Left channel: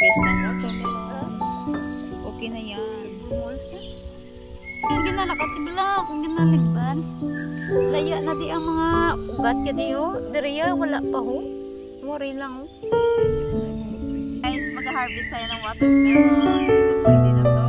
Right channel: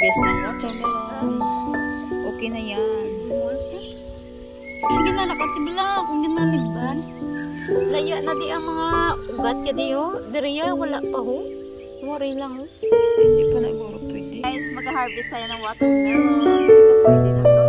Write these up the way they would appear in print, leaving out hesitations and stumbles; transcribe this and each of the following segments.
mag-harvest ng watermelon. Okay na yan. Ang ginalakat si Black, ang ginaligban. Laya na di ang mga ugat ka di o. Dariya, wala pa ho. Worry lang ho. Hindi pa na pwede. Guys, mag-harvest tayo ng watermelon. Ito pwede na to.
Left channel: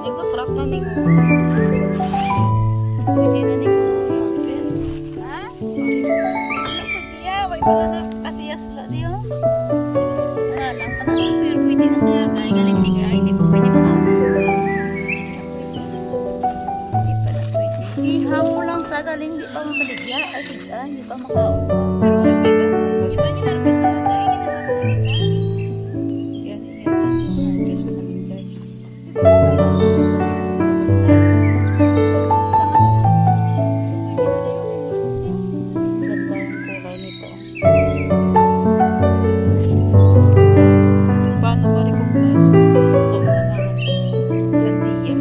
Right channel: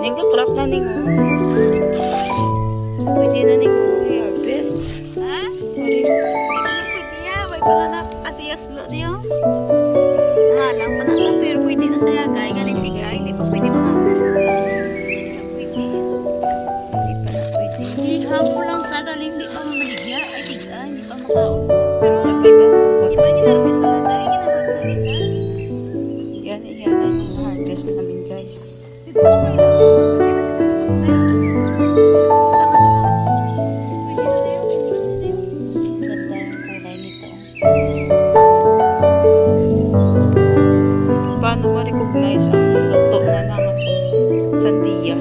Nagka-crack na ning pwede na ning i-harvest. Ha? Pwede ya, may pala kasi yaslo diyo. Lang pa na sa pero pwede na saya gay galing di kaya hindi pa pwede hindi pa na pwede. Ihamo lang sa galing di pa maligya ay hindi pa makao. Pero dapat ba mo di ba i-harvest na dai yan ang harvest namin guys. Paano ma-recognize ang luto na ng sandiya?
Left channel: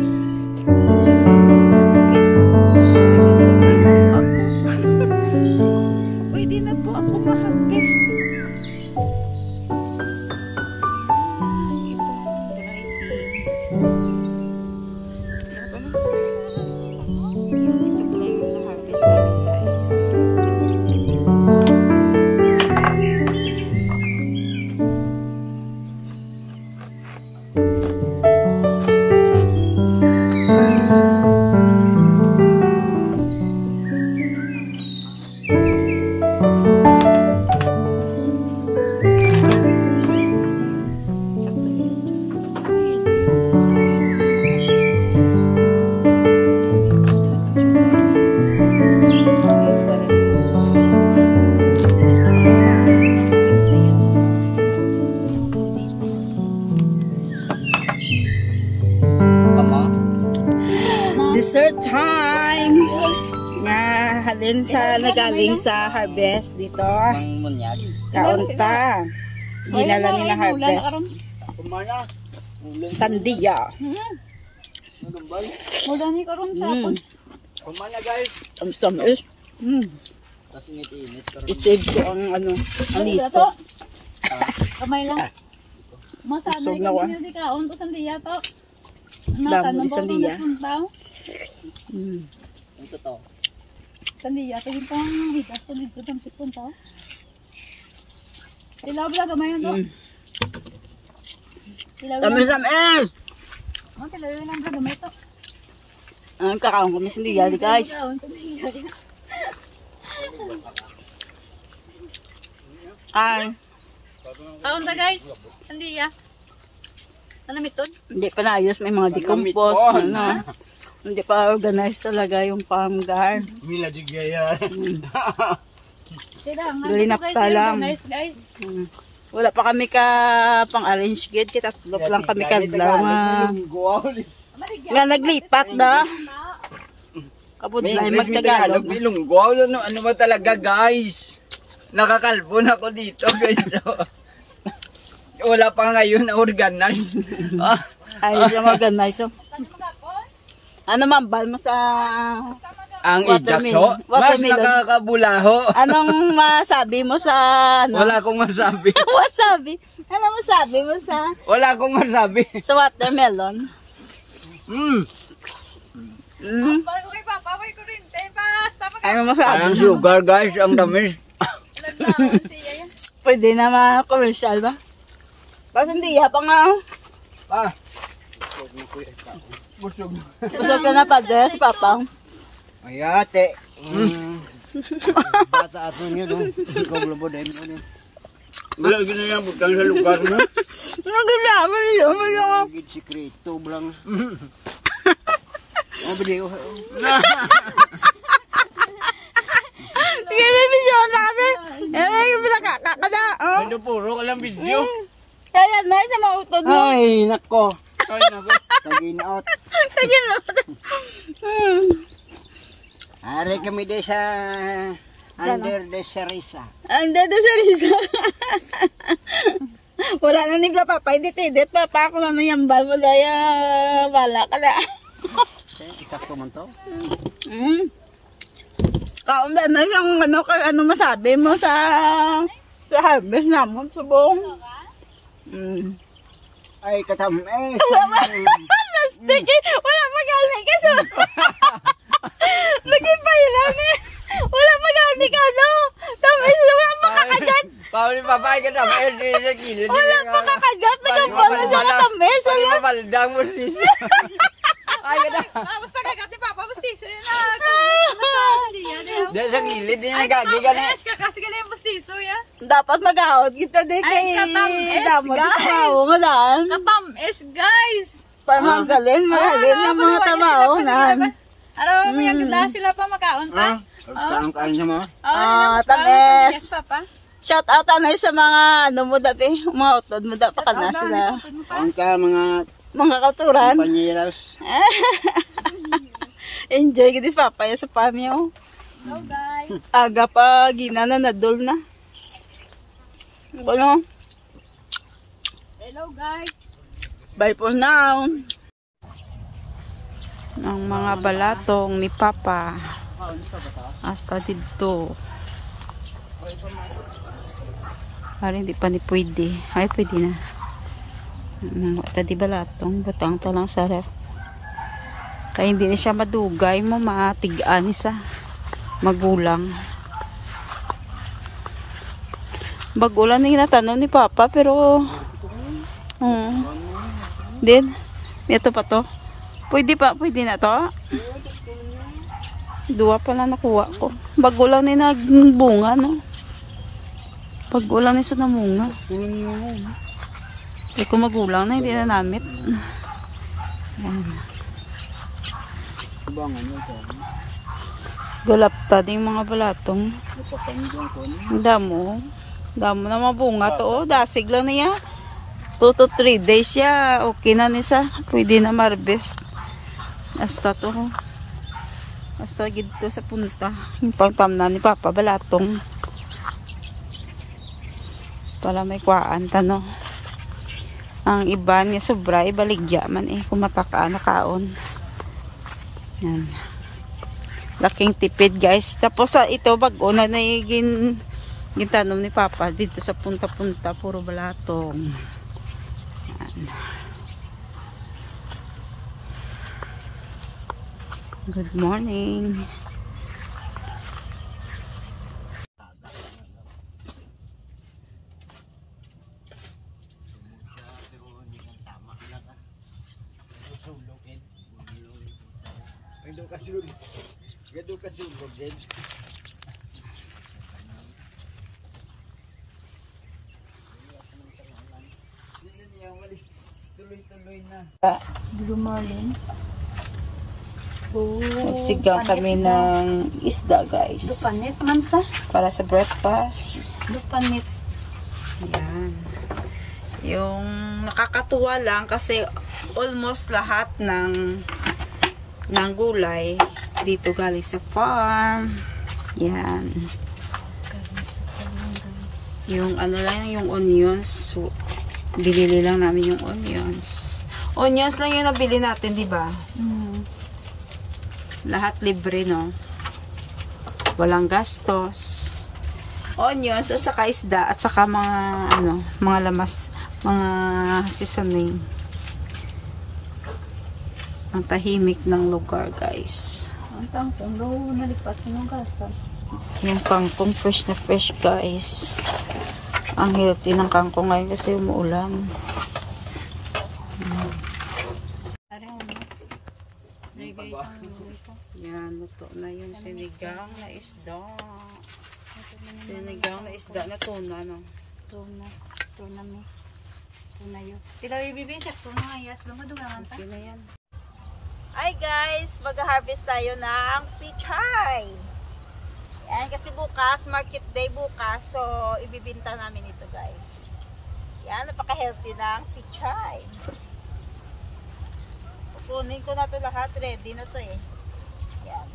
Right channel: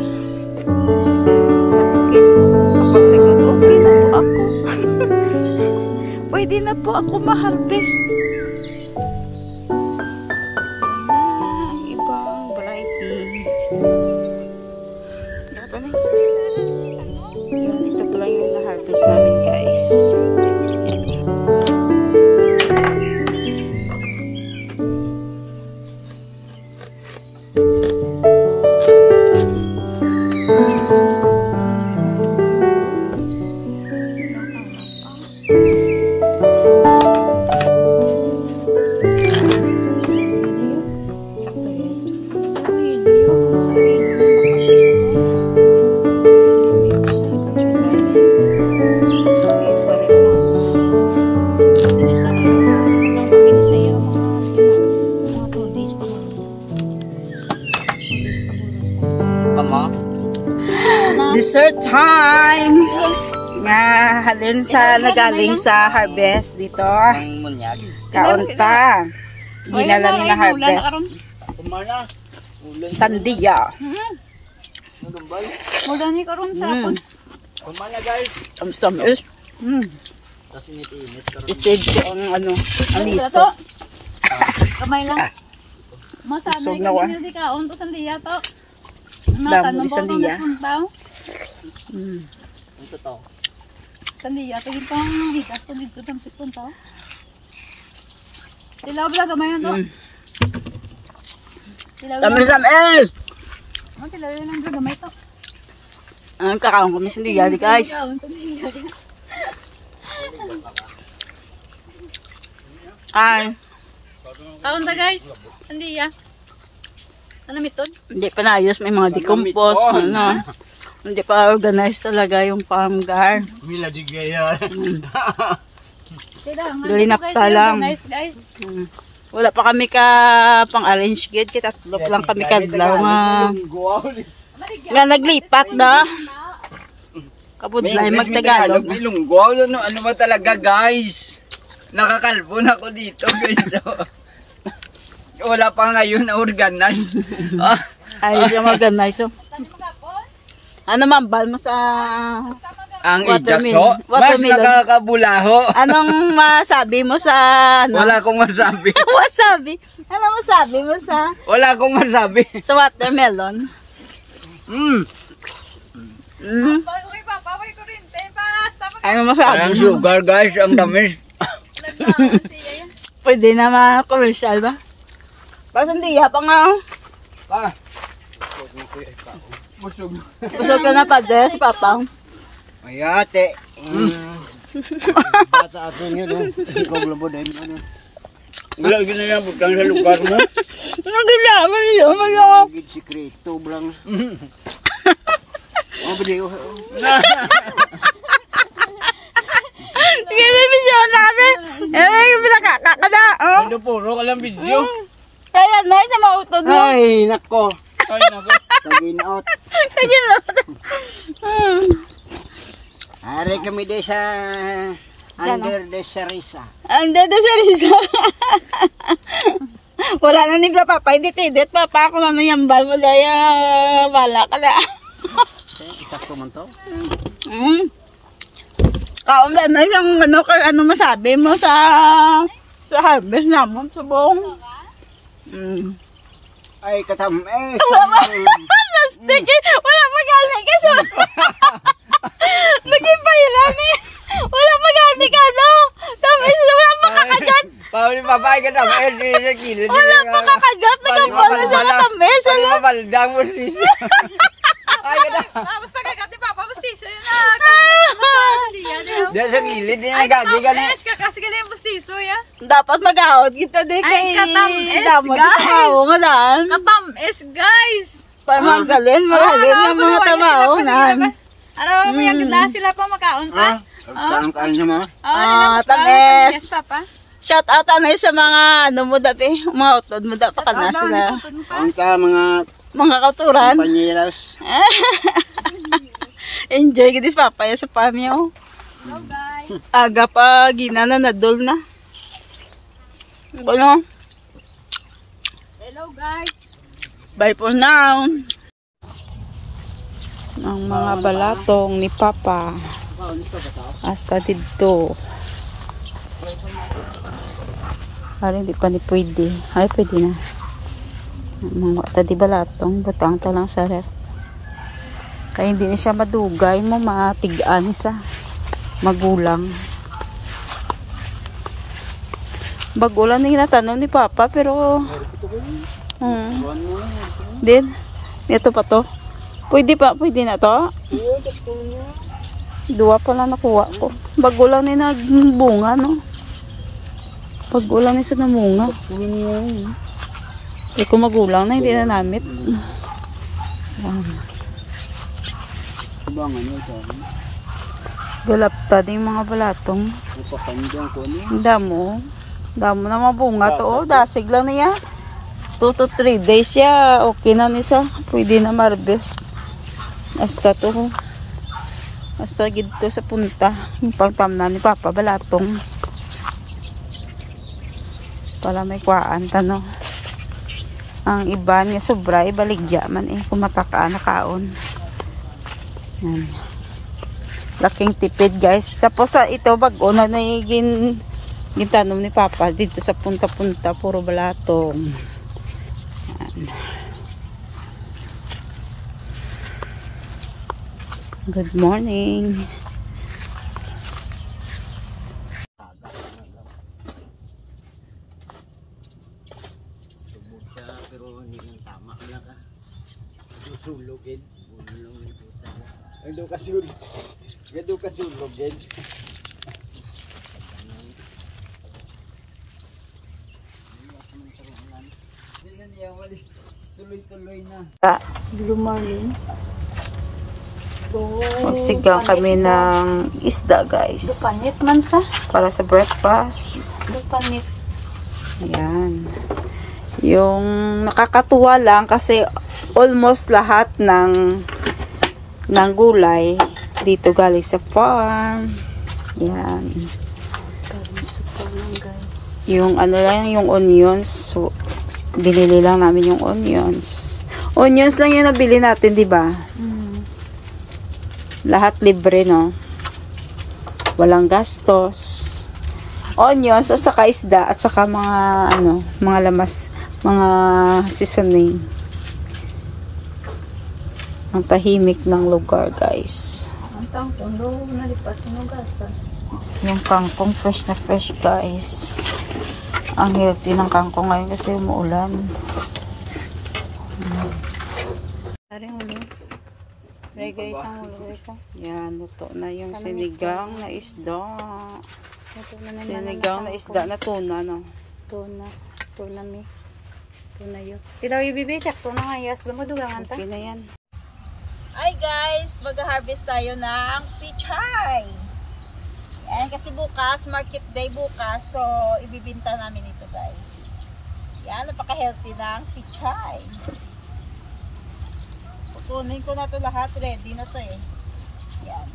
Katukin mo. Kapag sagot, okay na po ako. Pwede na po ako ma-harvest. Ang ibang variety. Ito pala yung na-harvest namin guys. Dessert time! Nga halin sa nagaling sa harvest dito. Kaunta. Ginala ni na harvest. Sandiya. Mula ni karon sa hapon. Kumana guys. Tamis. Isave ko ang ang liso. Kamay lang. Masanay ka din di kaon to sandiya to. Damo sandiya. Ito to. Sandiya to yung pang higas to dito ng piston to. Tilaw ba gamay to? Tamis. Tilaw yun lang gamay to. Ang kakaon kami sandiya di guys. Ay. Kaon ta guys. Sandiya. Ano mitod? Hindi pa naayos, may mga decompose, hindi pa organized talaga yung farm gar. Mila di gaya. Galinapta lang. Wala pa kami ka pang-arrange gate, tatlo lang kami kadlaw nga naglipat na. Kabudlay magtagalog. Ilunggo, ano ba talaga guys? Nakakalbo na ako dito, guys. So, wala pa ngayon na organize. Ayos yung organize. Ano mambal mo sa Ang watermelon? ijaso, mas nakakabulaho. Anong masabi mo sa ano? Wala akong masabi. Wasabi. Ano masabi mo sa Wala akong masabi. sa watermelon? Okay, Papa, may kurente. Basta Ano masabi Ang mo? sugar, guys, ang tamis. maglaban siya. Pwede na ma-commercial ba? Basta hindi pa nga. Ah. Busog. Busog ka na pa des, Papa. Ay, ate. Bata atin yun, Ikaw mo dahil mo. Wala ginayang butang sa lugar mo. Nagalaman yun, mga. Gid sikreto, blang. Oh, video. Sige, may video na kami. Pinakakakada. Ano puro ka lang video? Kaya na, sa mautod mo. Ay, nako. Ay, nako. Taginaot. Are kami de sa under the Sarisa. Hindi, Risa. Wala na ni Papa, edit, Papa. Ako na nayambal mo daya. Wala ka na. Sakto man to. Kaon na yung ano masabi mo sa harvest namon sa buong. Ay, katam. Plastic eh. Wala magaling kasi. Naging pailan eh. Wala magaling ano. Tapos wala makakagat. Pauli papay ka tam. Sa kilid. Wala makakagat. Nagambala sa katamis. Pali mabaldang mo sis. Ay, kada. Mas pagkagat ni Papa, bustiso yun na. Diyan sa kilid, din nagagi ka na. Kasi galing yung bustiso, ya. Dapat mag-out kita din kay Ay, katamis, damot guys. tao nga daan. Katamis, guys. Magaling ng mga tao nan. Ano, may agla sila pa makaon pa. Ang kaan niya mo? Tamis. Yes, Papa. Shout out anay sa mga ano mo dapi, mga utod mo dapat ka na sila. Ang ka mga Mga kauturan. panyiras. Enjoy gidis papaya sa pamyo. Hello, guys. Aga pa ginana na dol na. Ano? Hello, guys. Bye for now. Ang mga balatong ni Papa. Hasta dito. Parang hindi pa ni pwede. Ay, pwede na. Mga tadi balatong. Butang ta lang sa kaya hindi na siya madugay mo. Matigaan sa magulang. Bagulan na natanong ni Papa pero din. Ito pa to. Pwede na to. Dua pa lang nakuha ko. Bagulan ni nagbunga no. Bagulan ni sa namunga. Eh kung magulang na hindi na namit. Galapta din mga balatong. Damo na mabunga to. Oh, dasig lang niya. 2 to 3 days siya. Okay na nisa. Pwede na marbest. Hasta to. Hasta gito sa punta. Yung pangtamna ni Papa balatong. Para may kuhaan tano. Ang iba niya sobra. Ibaligya man eh. Kung matakaan na kaon. Yan. Laking tipid guys. Tapos sa ito bago na gintanom ni Papa dito sa punta-punta. Puro balatong. Yan. Good morning. Gado kasulogin. Tuloy-tuloy na. Lumalin. Magsigang kami ng isda guys. Lupanit man sa. Para sa breakfast. Lupanit. Yan. Yung nakakatuwa lang kasi almost lahat ng gulay dito galing sa farm. Yan. Yung ano lang, yung onions. So, binili lang namin yung onions. Onions lang yung nabili natin, di ba? Lahat libre, no? Walang gastos. Onions at saka isda at saka mga ano, mga lamas, mga seasoning. Ang tahimik ng lugar, guys. Ang kangkong daw nalipat ng gasan. Yung kangkong fresh na fresh, guys. Ang healthy ng kangkong ngayon kasi umuulan. Parang ulo. Ray guys, ang ulo guys. Yan, luto na yung sinigang na isda. Ito na naman Sinigang na isda na tuna, no? Tuna mi. Tuna yun. Tilaw ibibi, sakto na nga yas. Lumudugangan ta. Okay na yan. Hi guys, mag-harvest tayo ng pichay. Yan, kasi bukas, market day bukas. So, ibibinta namin ito guys. Yan, napaka-healthy ng pichay. Pupunin ko na to lahat. Ready na to eh. Yan.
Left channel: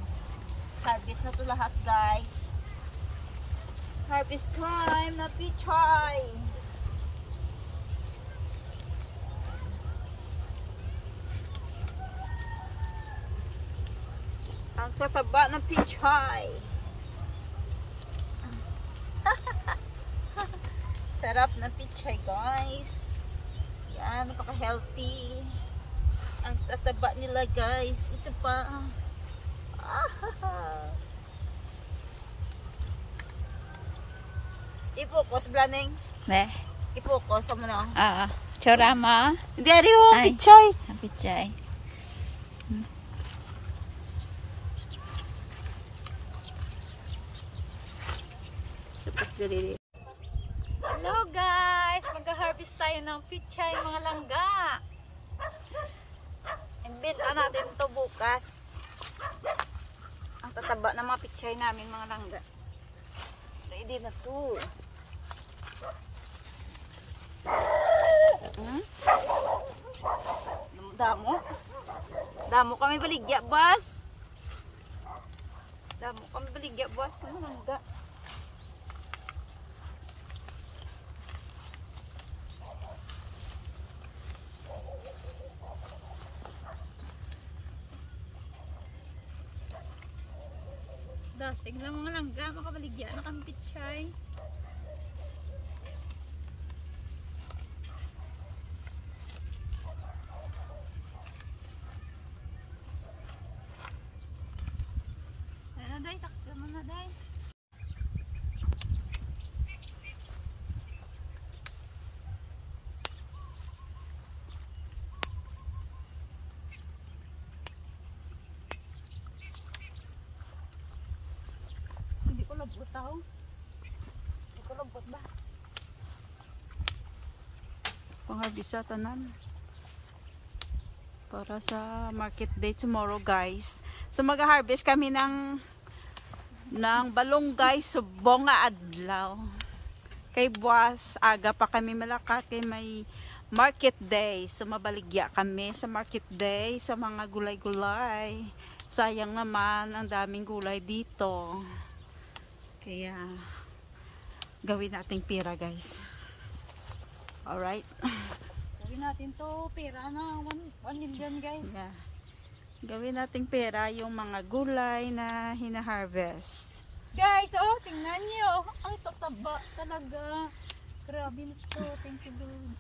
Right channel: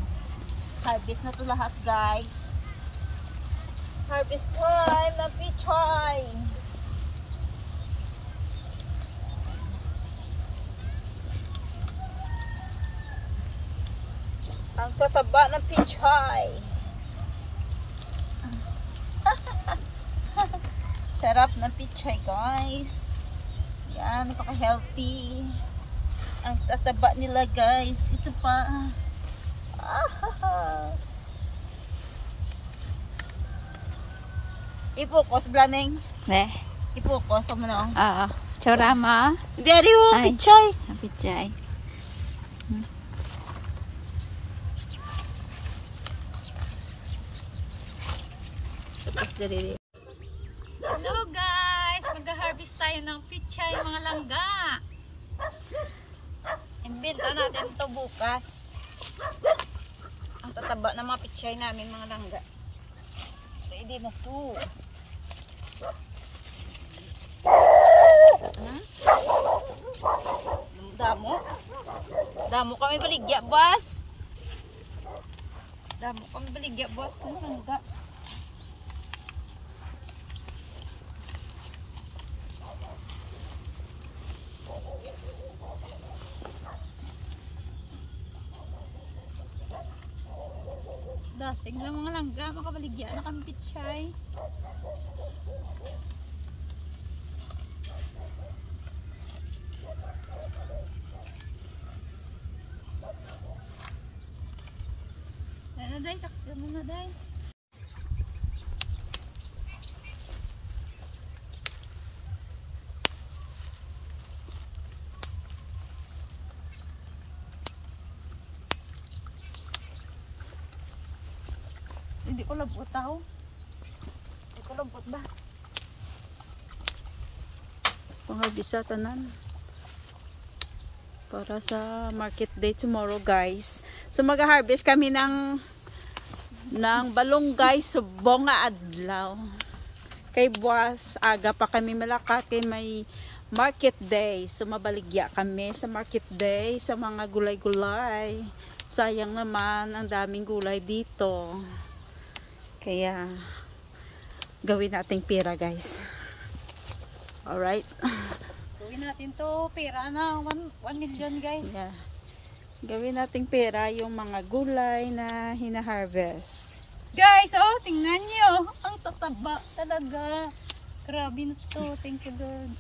Harvest na to lahat guys. Harvest time na pichay. Ang tataba ng pichay. Sarap ng pichay guys. Yan, napaka-healthy. Ang tataba nila guys. Ito pa. Ipukos, Blaneng. Ipukos mo na. Oo. Chorama. Hindi, ariyo, Ay. pichay. Ang pichay. Tapos dili. Hello guys! Mag-harvest tayo ng pichay, mga langga. Imbenta natin to bukas. Ang tataba ng mga pichay namin, mga langga. Ready na to. Damo. Damo kami baligya, boss. Damo kami baligya, boss. Mga langga. Dasig lang mga langga, makabaligyan na kami pichay. Ano day, takso mo na day. Hindi ko labot tao. Hindi ko labot ba? Pangarbisa tanan. Para sa market day tomorrow, guys. So mag-harvest kami ng balonggay subong nga adlaw. Kay buwas aga pa kami malakat kay may market day. So mabaligya kami sa market day sa mga gulay-gulay. Sayang naman ang daming gulay dito. Kaya, gawin nating pera, guys. Alright? Gawin natin to, pera na, 1 million guys. Yeah. Gawin nating pera yung mga gulay na hina-harvest. Guys, oh, tingnan nyo. Ang tataba talaga. Grabe na to. Thank you, Lord.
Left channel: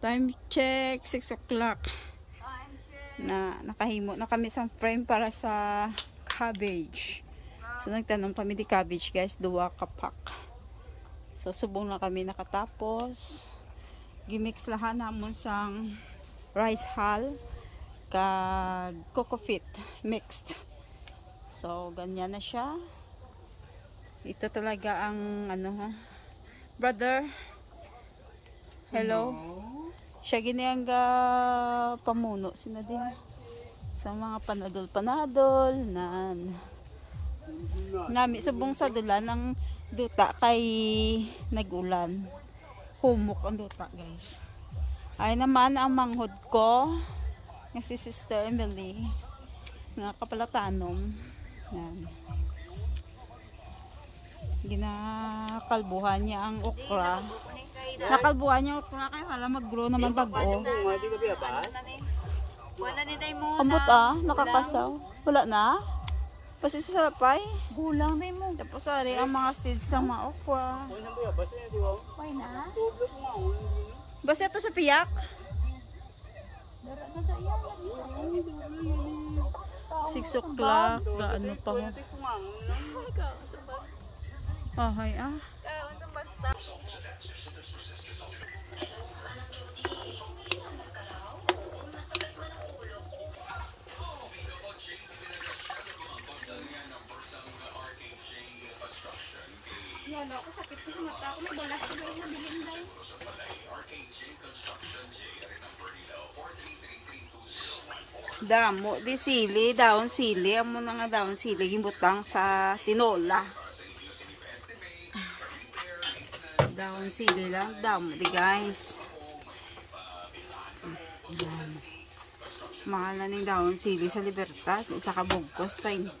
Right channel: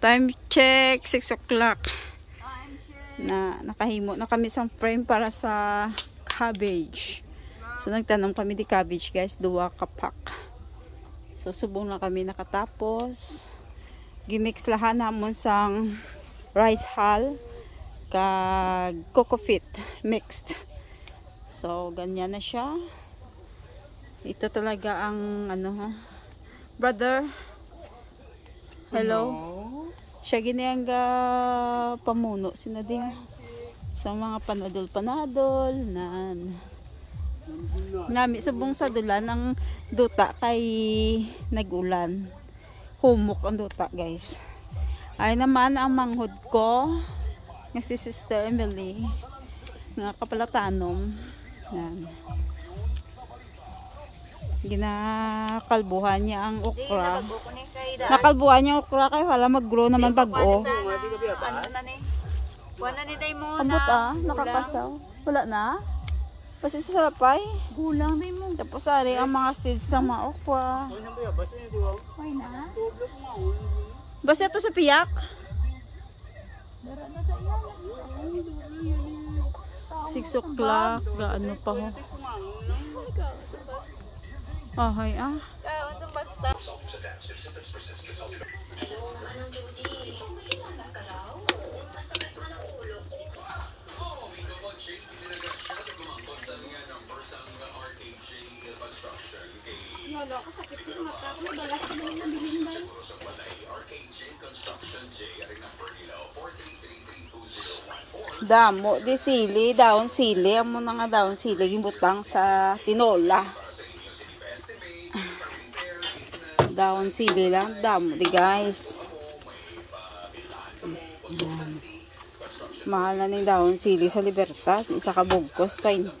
Time check, 6 o'clock. Na nakahimo na kami sa frame para sa cabbage. So nagtanom kami di cabbage guys, 2 kapak. So subong na kami nakatapos. Gimix lahan namon sang rice hull kag coco fit mixed. So ganyan na siya. Ito talaga ang ano, brother. Hello. Siya giniyang pamuno sinadi sa mga panadol nan. Nami subong sa dulan ng duta kay nagulan. Humok ang duta guys. Ay naman ang manghod ko nga si Sister Emily nga kapalatanom. Yan. Ginakalbuhan niya ang okra. Nakalbuhan niya okra kay wala mag-grow naman bago. Ano na ni? Wala ni day mo Ambot nakakasaw. Wala na? Kasi sa salapay. Gulang day mo. Tapos ari ang mga seeds sa mga okra. Why na? Basta ito sa piyak. 6 o'clock. Gaano pa ho? Ahay Damo di sili, daon sili, amo na nga daon sili gimbutang sa tinola. Daon sili lang, damo di guys. Mahal na ning daon sili sa Libertad, isa ka bugkos 30.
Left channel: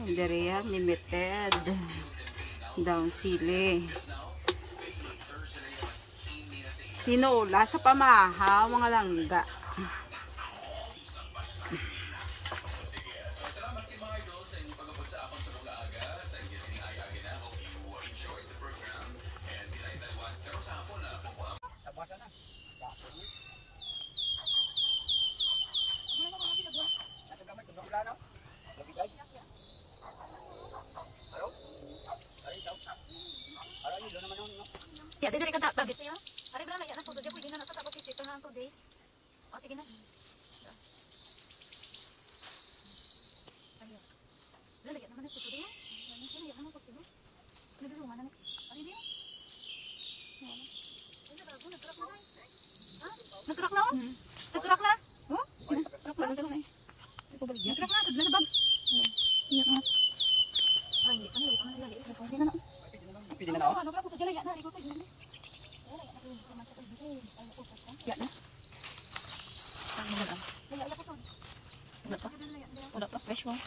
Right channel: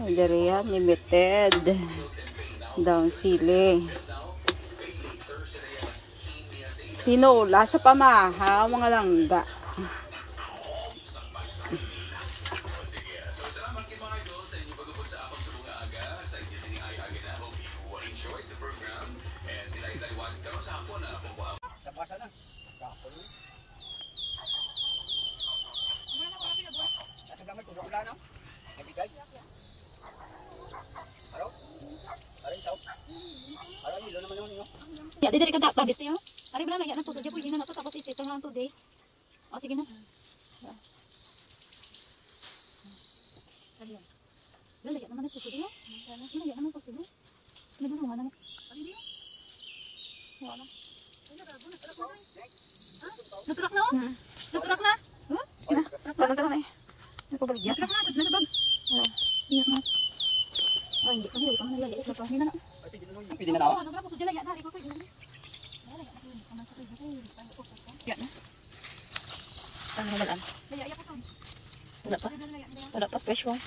Ay, dere yan, limited. Daon sili. Tinola sa pamaha, mga langga. Ya, dili ka tabis niyo. Ari wala na yan ang tubig, pwede na to tapos i-set lang 2 days. O sige na. Ari. Wala yan naman ang tubig niyo. Wala yan naman ang tubig. Ano na naman? Ari niyo. Wala. Nagtrak na? Nagtrak na? Huh? Nagtrak na eh. Nagpabaligya. Nagtrak na, sad na bags. Oo. Iya ka. Ay, hindi ka mo, ikaw na lali. Napahina na. Pwede na ako? Ano ka po sa dyan na yan? Ikaw kayo. Yan na. Saan mo malaan? Wala pa. Wala pa, fresh one.